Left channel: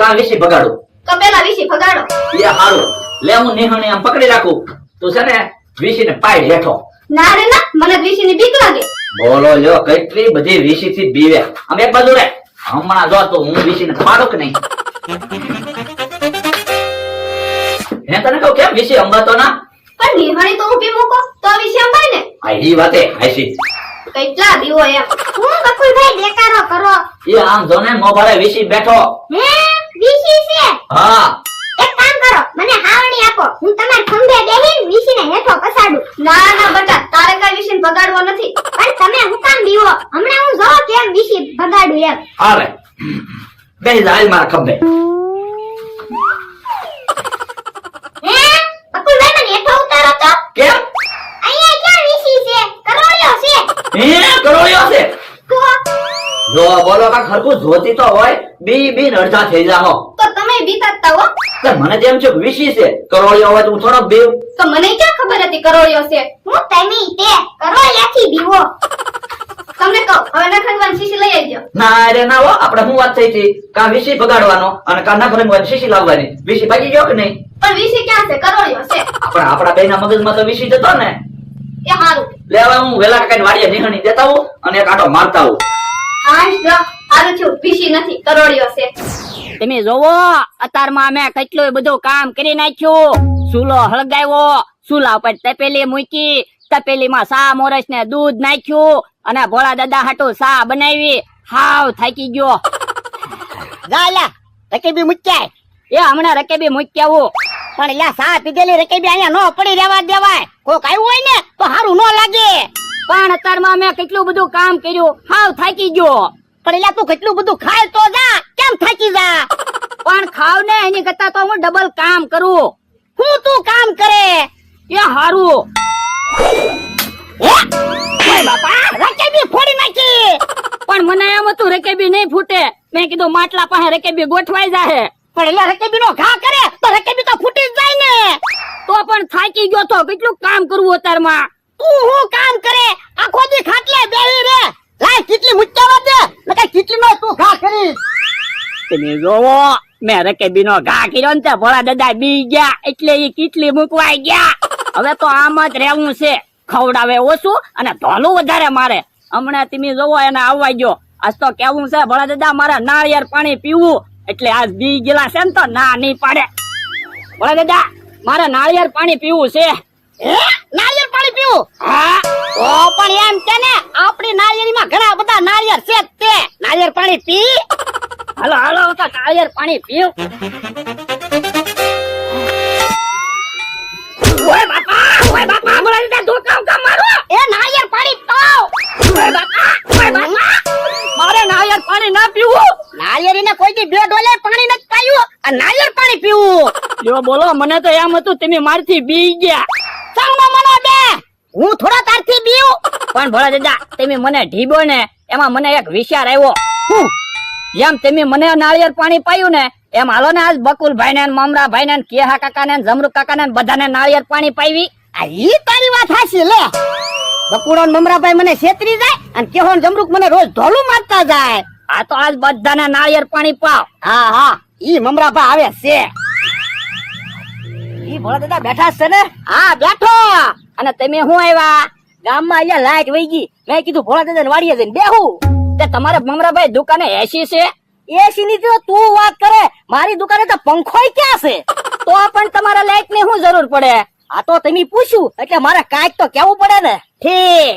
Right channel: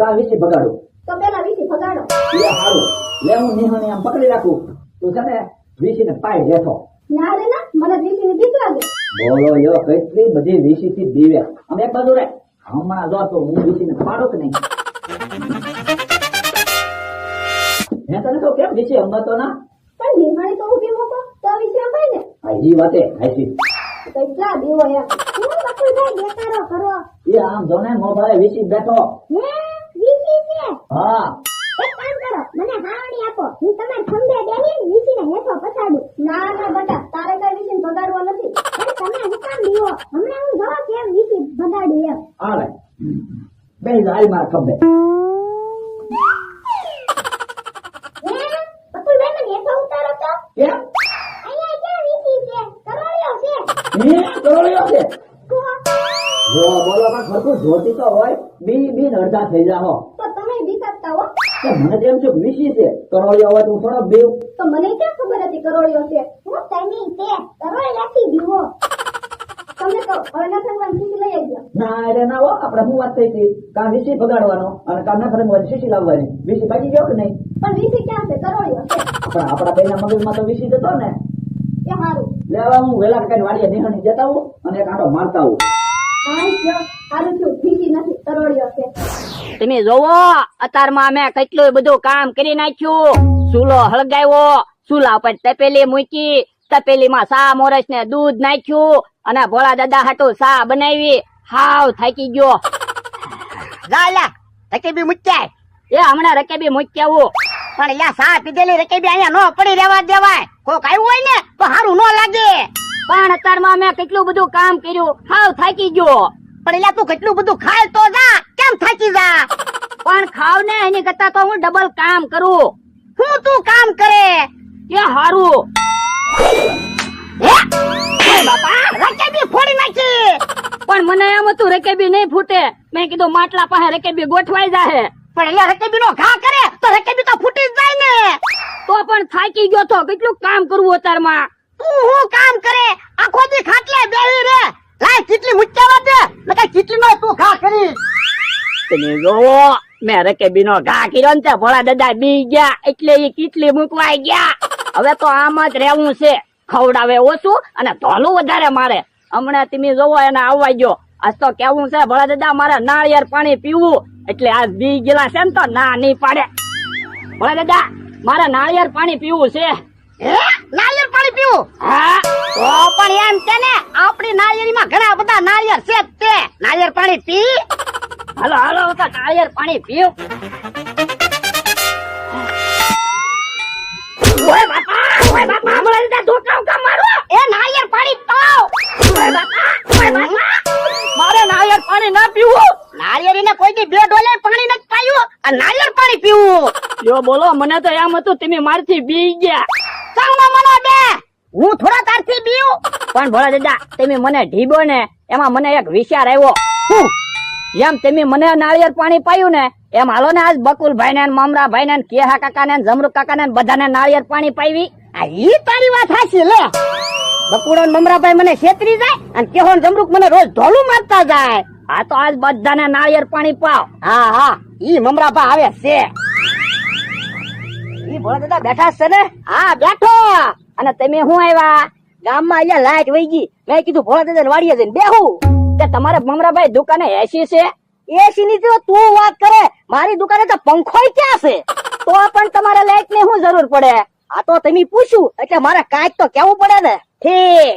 કા વીસી ભગાડું? તો પેલા વીસી ભગાડો. એ હારું. લે હું નિહાણી આમ પકડી રાખું. તું છે ને વીસીને પાડ હેઠો. ના રે ના, મને વીસીની બીક લાગે. બોલો લ્યો, કેટલી બધી વીસી થી બીવે. આમ એક બાજુ રે. હમણાં જો તો હું વીસીને પાડું કે નહીં? હે તને કહું કેમ વીસી અંબાતો ના? પણ નિહાણી તો ઊભી મૂકો તો વીસી અંબાય ને. આ ઈ વાતે હાસી. કેટલા દીવો એમ. હું બકુલભાઈ દેકારો કરો. એ આમ જો ને મોભારે વીસી બેઠો. હે વીસી છે? હા. એક કામ કરો, મને હાવણી આપો. હું તમાર ખંભે બેહીને વીસીને હેઠો પસાડું. ના ના બટા, તારે કઈ વીસીને ભગાડવો નથી. પણ તમે હું કામ દીવો? હમણાં હું જો કેમ વીસી ભગાડું એમ. હાલે. બેહી જા હાલ મારા ખંભે. હે બકુલભાઈ મને હેઠો ઉતારો તો. કેમ? અહીંયા ક્યાં વીસી છે? કરોળિયો છે. હે કરોળિયો છે? તો જો બોલો કા ખરખું જોતી તો હોય બી અડધા થઈ જાહો. તો તમે બીતાતા હો. તે મને તેમ છે કે વીસી છે કરોળિયો હોય તો હું થોડો બેવ. તો મને ક્યાં ખબર હતી કરોળિયો છે? હું તમે તે કરોળિયાથી બીવો. તમને કહું, હવે નખરવાની શીશી લઈ આવજો. ના રે ના હો, આપણે શું વાત થઈ હતી? કા વીસી બગાડવાનો અને કા નખરવાની શીશી લાવવાની. વીસી ભાગી ગયો કે નહીં? પણ વીસી ક્યાં છે? કરોળિયો છે. આપણા બેના મગજમાં તો વીસી જતો ને. એ હારું. લેવા હું વેલા કાઈ વાડીએ નિહણી દેતા હું અને એક આટો મારતા હું. હાશ જો, હારું થયું વીસી નથી કરોળિયો છે. તમે જોવો અત્યારમાં અમે કેટલું બધું કામ કરી નાખ્યું. ચૂલો હળગાવ્યો, ચૂલા ઉપર તપેલી મૂકી, તપેલીમાં સા મોરસ ને દૂધ નાખ્યું અને ભોળા દાદા હાટુ સા બનાવી. હાવ થાકી ગયો. રકેબી મુચ્ચાય એ હમણાં રકેબી મૂકી આવું. પણ લ્યા સા પીધેલી રકેબી અહીંયા નો પડી રહેવા દેવાય. કોક આવ્યું હોય ને તો સારું નો લાગે. પણ અત્યારમાં અમે કેટલું બધું કામ કર્યું, હાવ થાકી ગયો. પણ લ્યા તું કેટલું બધું ખાય તો જા, કેમ થાકી જા? પણ ખાવ ને એની કરતા તો હું ડબલ કામ કરું. હું તું કામ કરે એ હારું. હે? એ બાપા રકેબી ફોડી નાખી. પણ મને એમ હતું રકેબી નહીં ફૂટે. મેં કીધું માટલા પાસે રકેબી ગોઠવાઈ જાહે. પણ એલા રકેબી નો ઘા કરે તો રકેબી તો ફૂટી જ જાય ને. તો પણ થાકી ગયો તો કેટલું કામ કરવું અત્યારમાં. તું હું કામ કરે? આખો દી ખાટલે બેહી રે. લાય કેટલી મુચ્ચાવા દે નકે કેટલી નો તું ઘા કરી. તમે જોવો મેં રકેબી નો ઘા કર્યો ને તે ભોળા દાદા બી ગયા એટલે ઈ કેટલી મૂકવાઈ ગયા. હવે તો આમ જ રહેવું છે. ખવડાવે ઓછું અને ધોલું વધારે મારે. હમણાં તમે જોવો એને આવવા ગયો. આજ તો કેવું છે ભોળા દાદા મારે નાળિયેર પાણી પીવું એટલે આજ બી ગયેલા છે ને તો ના નહીં પાડે. ભોળા દાદા મારે નાળિયેર પાણી પીવું છે. હે નાળિયેર પાણી પીવું? હા ઓ પણ એમ કે ને આપણી નાળિયેરીમાં ઘણા બધા નાળિયેર છે જ તે. નાળિયેર પાણી પી. હાલો હાલો તો નાળિયેર પાણી પીવું. ઓય બાપા ભોળા દાદા તું કામ મારો. એ નાળિયેર પાણી પાવ. ઓય બાપા મારે નાળિયેર પાણી ના પીવું. નાળિયેરીને કોઈ દી 2 ડોલે પાણી નથી પાયું આ નાળિયેર પાણી પીવું. યો બોલો મને તો એમ હતું તમે મારથી બી ગયા. ચાલમાં મનો દે હું થોડા તારથી બીઉં. પણ ભોળા દાદા તમે મને ઢીબો ને એમાં મને એક વિચાર આવ્યો. એમ તમે મને નાળિયેર પાણી પાયું ને એમ હાલો ને આજ બકુલભાઈ ને મમરાભાઈ ને કેહા કાકા ને જમરૂક કાકા ને બધાને નાળિયેર પાણી પાવી. આ ઈ તારી વાત હાચી લે. બકુડો ને મમરાભાઈ મને છેતરી જાય અને કેહો ને જમરૂક મને રોજ ઢોલું મારતા જાય. આ તો આજ બધાને નાળિયેર પાણી પાવ. હા હા ઈ મમરાભા આવે છે. ઈ ભોળા દાદા બેઠા છે ને? હા બેઠો. અને તમે શું આવ્યા? ગામમાં અહીંયા લાઈટ વહી ગઈ. મેં કીધું ભોળા દાદા વાડીએ જઈને બેહું. તે તમારે મમરાભાઈ દુકાને એસી છે? એસી ની તો તું વાત કરે, મારી દુકાને તો પંખોય ક્યાં છે? તો પણ તમારા લાઈટ ની શું જરૂર પડે? આ તો તમે પૂછ્યું એટલે મારે કાંઈક તો કેવું પડે ને. ઠીક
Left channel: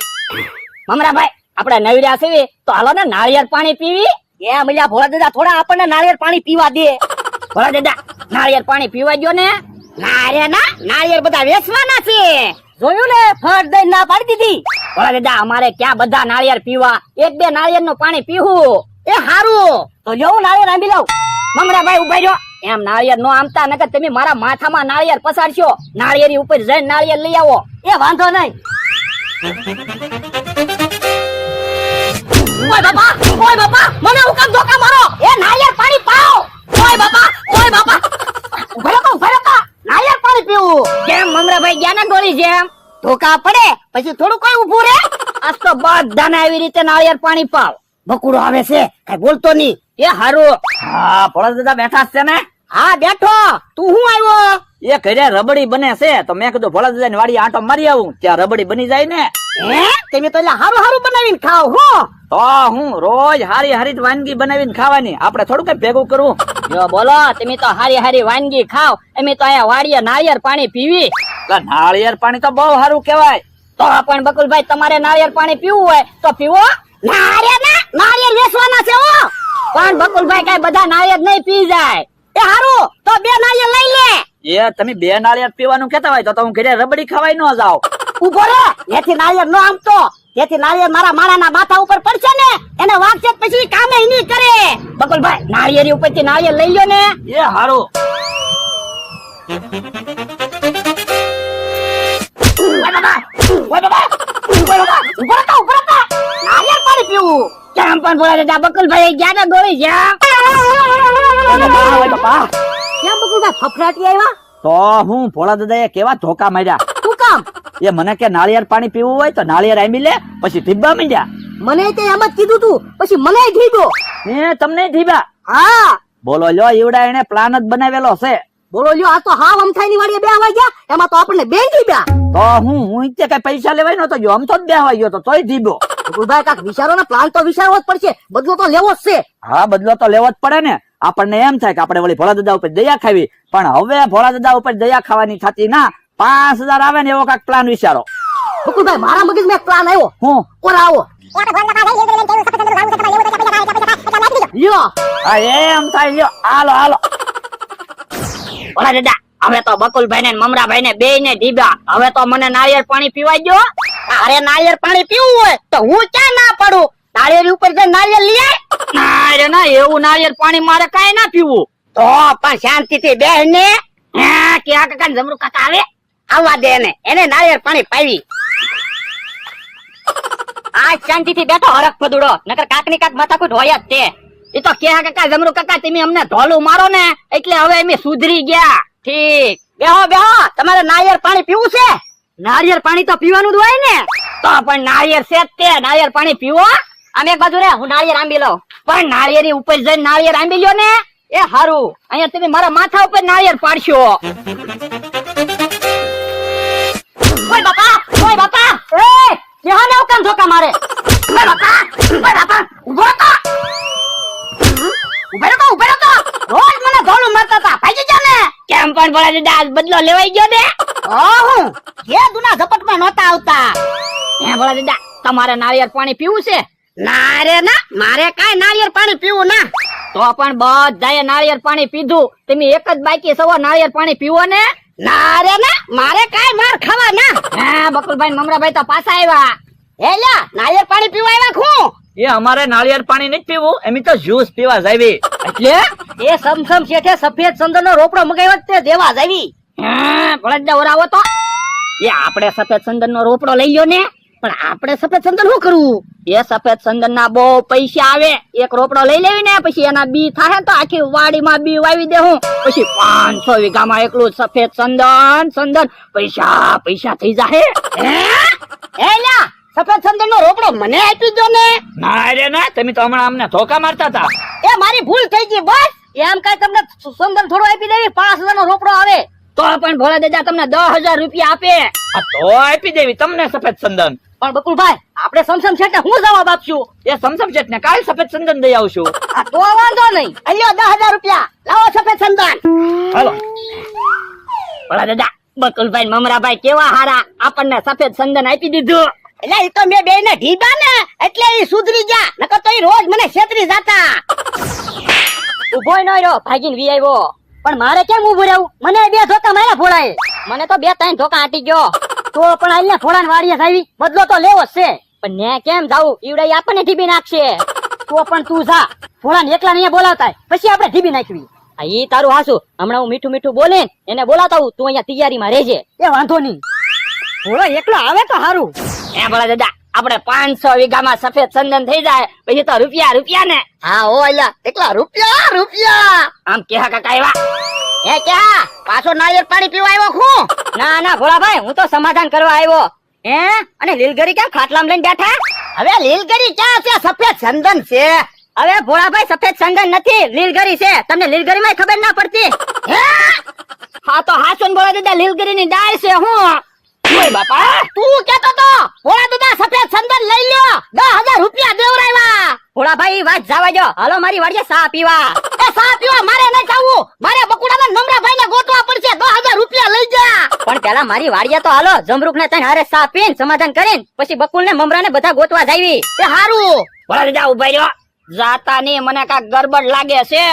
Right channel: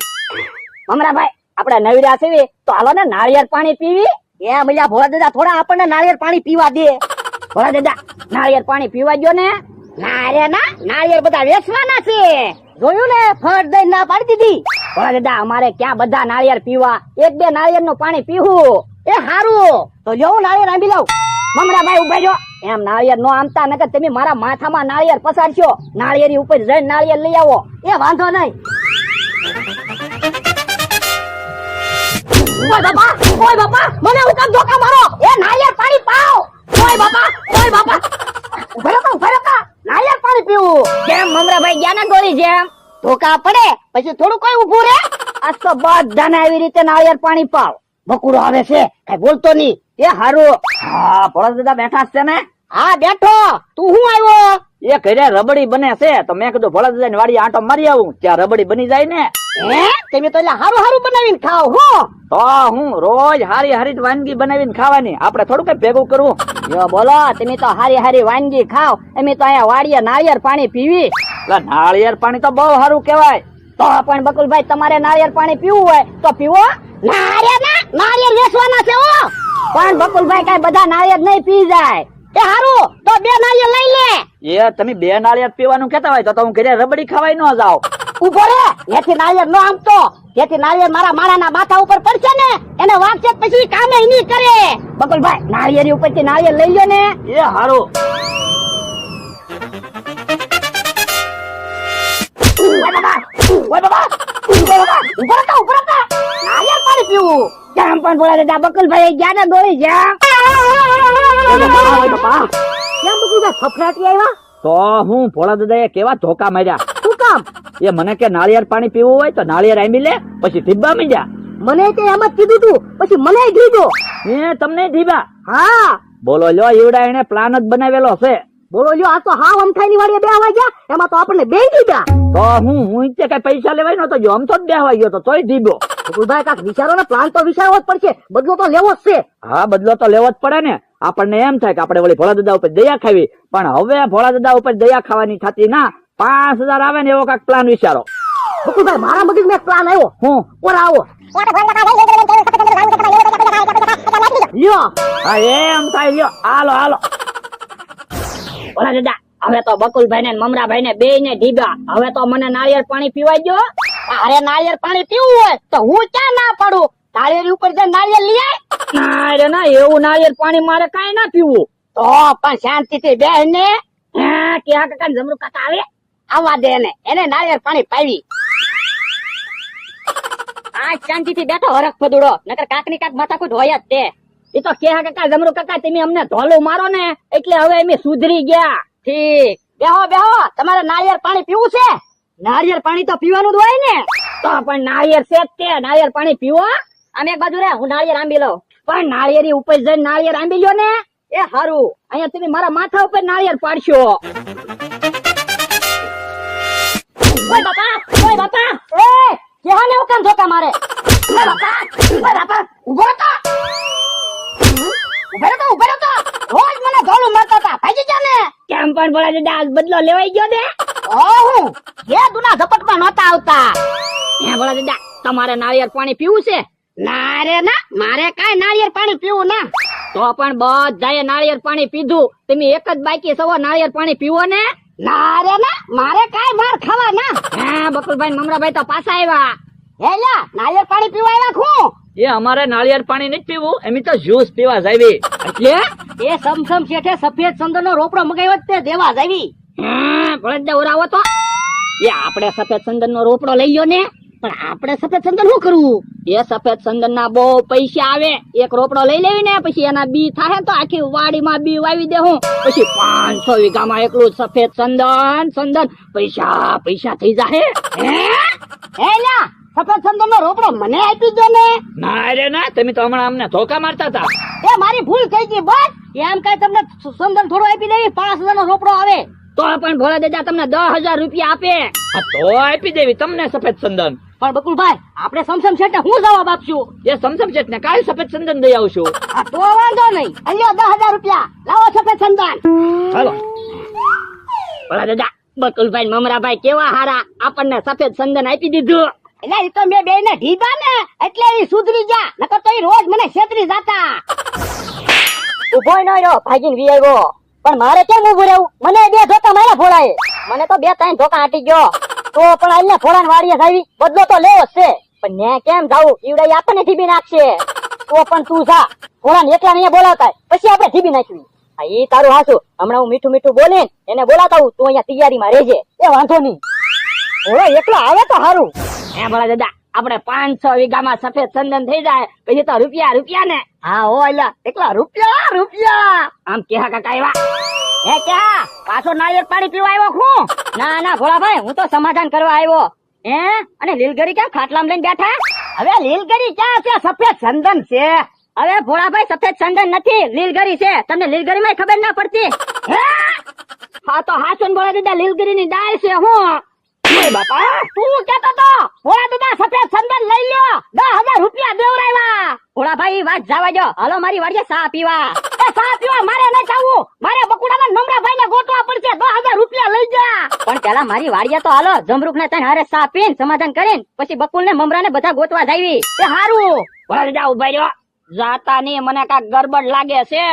મમરાભાઈ આપણે નવર્યા છે તો હાલો ને નાળિયેર પાણી પીવી. એ મલ્યા ભોળા દાદા થોડા આપણને નાળિયેર પાણી પીવા દે. ભોળા દાદા નાળિયેર પાણી પીવા દો ને. ના રે ના નાળિયેર બધા વેચવાના છે. જોયું ને ફટ દઈ ના પાડી દીધી. ભોળા દાદા અમારે ક્યાં બધા નાળિયેર પીવા? 1-2 નાળિયેર નું પાણી પીવું. એ હારું તો જો નાળિયેર આંબી લઉં. મમરાભાઈ ઉભા રહ્યો. એમ નાળિયેર નો આમતા નકર તમે મારા માથામાં નાળિયેર પસારશો. નાળિયેરી ઉપર જઈને નાળિયેર લઈ આવો. એ વાંધો નહીં. ઓય બાપા મને હું કામ ધોકા મારો. એ નાળિયેર પાણી પાવ. ઓય બાપા ભરકા નાળિયેર પાણી પીવું. કેમ મમરાભાઈ ગયા ને ગોળી જેમ? ધોકા પડે પછી થોડું કોઈ ઊભું રે. આજ તો બધાને આવી રીતે નાળિયેર પાણી પાવ. બકુડો આવે છે કઈ બોલતો નહીં. એ હારું. હા ભોળા દાદા બેઠા છે ને? હા બેઠો. તું હું આવ્યો? એ ઘરે રબડી બને છે તો મેં કીધું ભોળા દાદા ની વાડી આંટો મારી આવું, ત્યાં રબડી બની જાય ને. હે તમે તો એટલે હારું હારું બનાવીને ખાવ હો. તો હું રોજ હારી હારી જ વાનગી બનાવીને ખાવાની, આપણે થોડું કઈ ભેગું કરવું. જો બોલો, તમે તો હારી હારી વાનગી ખાવ, અમે તો અહીંયા વાડીએ નાળિયેર પાણી પીવી. નાળિયેર પાણી તો બહુ સારું કહેવાય. તો પણ બકુલભાઈ તમારે નાળિયેર પાણી પીવું હોય તો પીવો. નારિયેળ વેચવાના છે હો. પણ બકુલભાઈ કઈ બધા નાળિયેર નહીં પી જાય. એ હારું તો 2 નારિયેળ લઈ લે. એ તમે 2 નાળિયેર પીવાનું કહેતા હોય તો હું ઘરે રબડી ખવાય ન જાવ. ઉભો રે. એથી નારિયેળ ન આમતો. એથી નારિયેળ મારા માણાના માથા ઉપર પડશે ને એને વાગશે જ પછી કામે નહીં કરે. બકુલભાઈ નાળિયેરી ઉપરથી નાળિયેર લઈ લ્યો ને. એ હારું. નારિયેળ પાણી પીવું. કેમ પણ બોલે દાદા બકુલભાઈ ગયા ને દોડી ગયા. કેમ બકુલભાઈ ફફડાટી આવ્યા? તો હું ભોળા દાદાએ કેવા ધોકા માર્યા. શું કામ? એ મને કે નાળિયેર પાણી પીવું હોય તો નાળિયેર આમી લે, પછી ધીબા મીડ્યા. મને તે એમ જ કીધું તું, પછી મને કીધું. એ તમને ધીબા. હા બોલો લ્યો, એવડા એને પ્લાન જ બનાવેલો છે. બોલો લ્યો, આ તો હાવ અમથાઈની વાડીએ બેહવા ગયા, એમાં તો આપણને બે દીધા. તો હું તે કઈ પૈસા લેવાય નતો ગયો, આમ તો જ બેહવા ગયો તો તોય ધીબો. બકુલભાઈ કાક વિચારો ને, પ્લાન તો વિચારવો જ પડશે, બદલો તો લેવો જ છે. હા બદલો તો લેવો જ પડે ને. આપણને એમ થાય કે આપણે વળી ભોળા દાદા ઉપર દયા ખાવી, પણ હવે ભોળા દાદા ઉપર દયા ખાવાની થતી ના. 5000 આવે ને એવો કાક પ્લાન વિચારો. બકુલભાઈ મારા મગજમાં એક પ્લાન આવ્યો. હું ઓરા આવો લ્યો. હા એમ થાય લ્યો. હાલો હાલો. ભોળા દાદા હવે તો બકુલભાઈ ને મમરાભાઈ ને બે ને ઢીબા. હવે તો મને નાળિયેર પાણી પીવાય ગયો. અરે નાળિયેર પાણી પીવું હોય તો હું ક્યાં ના પાડું. નાળિયેર ઉપર જે નાળિયેર લઈ આય. ના રે ના, એવું નાળિયેર પાણી મારે કાંઈ ના પીવું. તો પણ શાંતિથી બેહ ને. કેવા કાકા ને જમરૂ કાકા આવે આવવા દે ને, એને નાળિયેર પાણી પાવી. આ શાંતિથી બેઠો હરખ ફદુડો, નકર કાકની કાક માથાકૂટ હોય જ તે. એ તો કેવા કાકા જમરૂ કાકા તમે અમને ઢોલું મારો ને એટલે હવે અમે સુધરી ગયા. ઠીક, બેહો બેહો. તમારે નાળિયેર પાણી પીવું છે? નાળિયેર પાણી તો પીવાનું જ હોય ને. તો પણ નાળિયેર છે જ તે, નાળિયેર પાણી પીવો. આમ એક બાજુ રે, હું નાળિયેર આંબી લઉં. પણ નાળિયેરી ઉપર જઈને નાળિયેર આંબી લ્યો ને એ હારું. અહીંયા તમે મારા માથા ઉપર નાળિયેર પાડશો. ઓય બાપા, ઓય બાપા. એ કેહાને ઓકાન ધોકા મારે. ઓય બાપા, ઓય બાપા. ઉભો તો. ઉભો તો. રોજ મને ધોલું મારતા હતા, ભાગી જા ને. કેમ પણ બોલા દાદા, આજ બદલો લેવાઈ ગયો ને. હું જે દુના ઝપટમાં નહોતા આવતા. હે બોલા દાદા, તમારે નાળિયેર પાણી પીવું છે? ના રે ના, મારે કાંઈ નાળિયેર પાણી પીવું ના. તો પણ બધાએ નાળિયેર પાણી પીધું, તમે એક જ બાકી સવો નાળિયેર પાણી પીવો ને. ના રે ના, મારે કાંઈ માર ખાવા ના. હા બકુલભાઈ મમરાભાઈ તો પાછા આવ્યા. હે લ્યા, નાળિયેર પાણી પીવા આવ્યા હું. એ અમારે નાળિયેર પાણી નથી પીવું, એમ તો જ્યુસ પીવા જાવી. એટલે એ સમસમ શેઠે સફેદ સંદનનો રોપડો મગાવ્યો તે દેવા જાવી. હા ભોળા દાદા ઓરાવો તો. એ આપણે સફેદ ચંદન નો રોપડો લઈ લ્યો ને. પણ આપણે સફેદ સંદન શું કરવું? એ સફેદ ચંદન ના બહુ પૈસા આવે. એક રોપડો લઈ લેવી ને, પછી એના બી થાય તો આખી વાડીમાં બી વાવી દેવું. પછી 500 વીઘામાં એકલું સફેદ ચંદન પૈસા પૈસા થઈ જાય. હે લ્યા, સફેદ સંદન નો રોપડો મને આપી દો ને. ના રે ના, તમે તો હમણાં અમને ધોકા મારતા હતા. એ મારી ભૂલ થઈ ગઈ બસ. એમ કઈ તમને સંદન થોડું આપી દેવી, 5000 નો રોપડો આવે. તો પણ ભોળા દાદા તમને 10000 રૂપિયા આપે. તો આપી દેવી તમને સફેદ ચંદન. પણ બકુલભાઈ આપણે સમસમ શેઠને હું જવાબ આપશું? એ સમસમ છે ને કાલ સફેદ ચંદન દઈ આવશું. આ તો વાંધો નહીં. અલ્યો 10000 રૂપિયા લાવો સફેદ સંદન. હાલો ભોળા દાદા, બકુલભાઈ મમરાભાઈ કેવા હારા, આપણને સફેદ ચંદન આપી દીધું. એટલે એ તો મેં બે ને ઢીબા ને એટલે એ સુધરી ગયા, નકર તો એ રોજ મને છેતરી જાતા. ઉભો ન રહ્યો, ભાગીને વી આવ્યો. પણ મારે કેમ ઉભું રહેવું? મને 2 ધોકા માર્યા ભોળાએ. મને તો 2-3 ધોકા આટી ગયો. તો પણ આઈને ભોળાને વાડીએ જાવી, બદલો તો લેવો જ છે. પણ ને કેમ જાવું, ઈવડે આપણને ઢીબી નાખશે. તો પણ તું જા, ભોળાને એકલા નહીં બોલાવતા, પછી આપણે ઢીબી નાખવી. આ ઈ તારું હાસુ. હમણાં હું મીઠું મીઠું બોલીને એને બોલાતા હું, તું અહીંયા તૈયારીમાં રહેજે. એ વાંધો નહીં, ભોળા એકલો આવે તો સારું. એ ભોળા દાદા, આપણે 500 વીઘામાં સફેદ ચંદન થઈ જાય પછી તો રૂપિયા ને. હા ઓ અલ્યા, એકલા રૂપિયા. આમ કેહા કાકા આવ્યા. એ ક્યાં પાછો નાળિયેર પાણી પીવા આવ્યો હું? ના ના ભોળાભાઈ, હું તો સમાધાન કરવા આવ્યો. અને લીલગરી કેમ ખાટલામાં લઈને બેઠા? હવે લીલગરી ક્યાં છે? સફેદ ચંદન છે. હવે ભોળાભાઈ સફેદ ચંદન નથી, લીલગરી છે. તમને લીલગરી માં ખબર ના પડતી? હા તો હાસુન ભોળા દાદા લીલગરી ની ડાળ છે. હું બાપા તું કેતો તો ભોળા દાદા સફેદ ચંદન લઈ લ્યો, 10,000 રૂપિયા દેવરાવ્યા. ભોળાભાઈ વાત જવા દો, હાલો મારી વાડીએ ચા પીવા. એ ચા પીવા મારે નહીં જાવું, મારે બકુડાના નમરાભાઈ ને ગોતવા પડશે. 10,000 રૂપિયા લઈ જા. પણ પેલા મારી વાડીએ તો હાલો, જમરૂક ને તને હારે ચા પીને સમાધાન કરીને પછી બકુલ ને મમરા ને બધા ગોતવા જાવી. એ હારું. ભોળા દાદા ઉભા રહ્યો, જાતા ની મને કાક ગરબડ લાગે છે.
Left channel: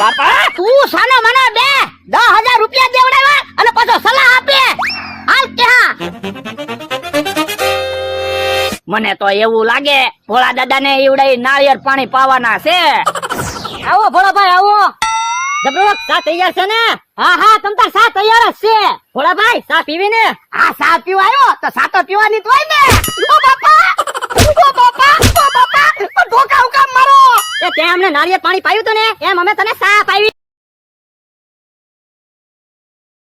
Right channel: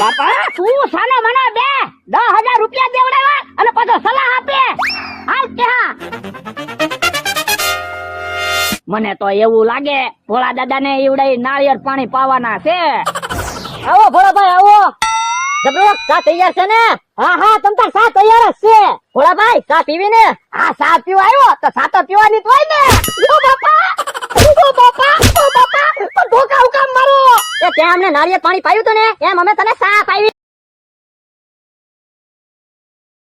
બાપા તું સાનો મને બે 10,000 રૂપિયા દેવડાવ્યા અને પાછો સલાહ આપે. હાલ ક્યાં? મને તો એવું લાગે ભોળા દાદા ને એવડાઈ નાળિયેર પાણી પાવાના છે. આવો ભોળાભાઈ આવો. જબરો ચા તૈયાર છે ને? હા હા તમ તાર ચા તૈયાર જ છે. ભોળાભાઈ ચા પીવી ને? હા ચા પીવા આવ્યો તો ચા તો પીવાની જ હોય ને. ઓ બાપા ઓ બાપા ઓ બાપા તો ધોકા હુકામ મારો. એ તે અમને નાળિયેર પાણી પાયું તો ને એમ અમે તને ચા પાવી.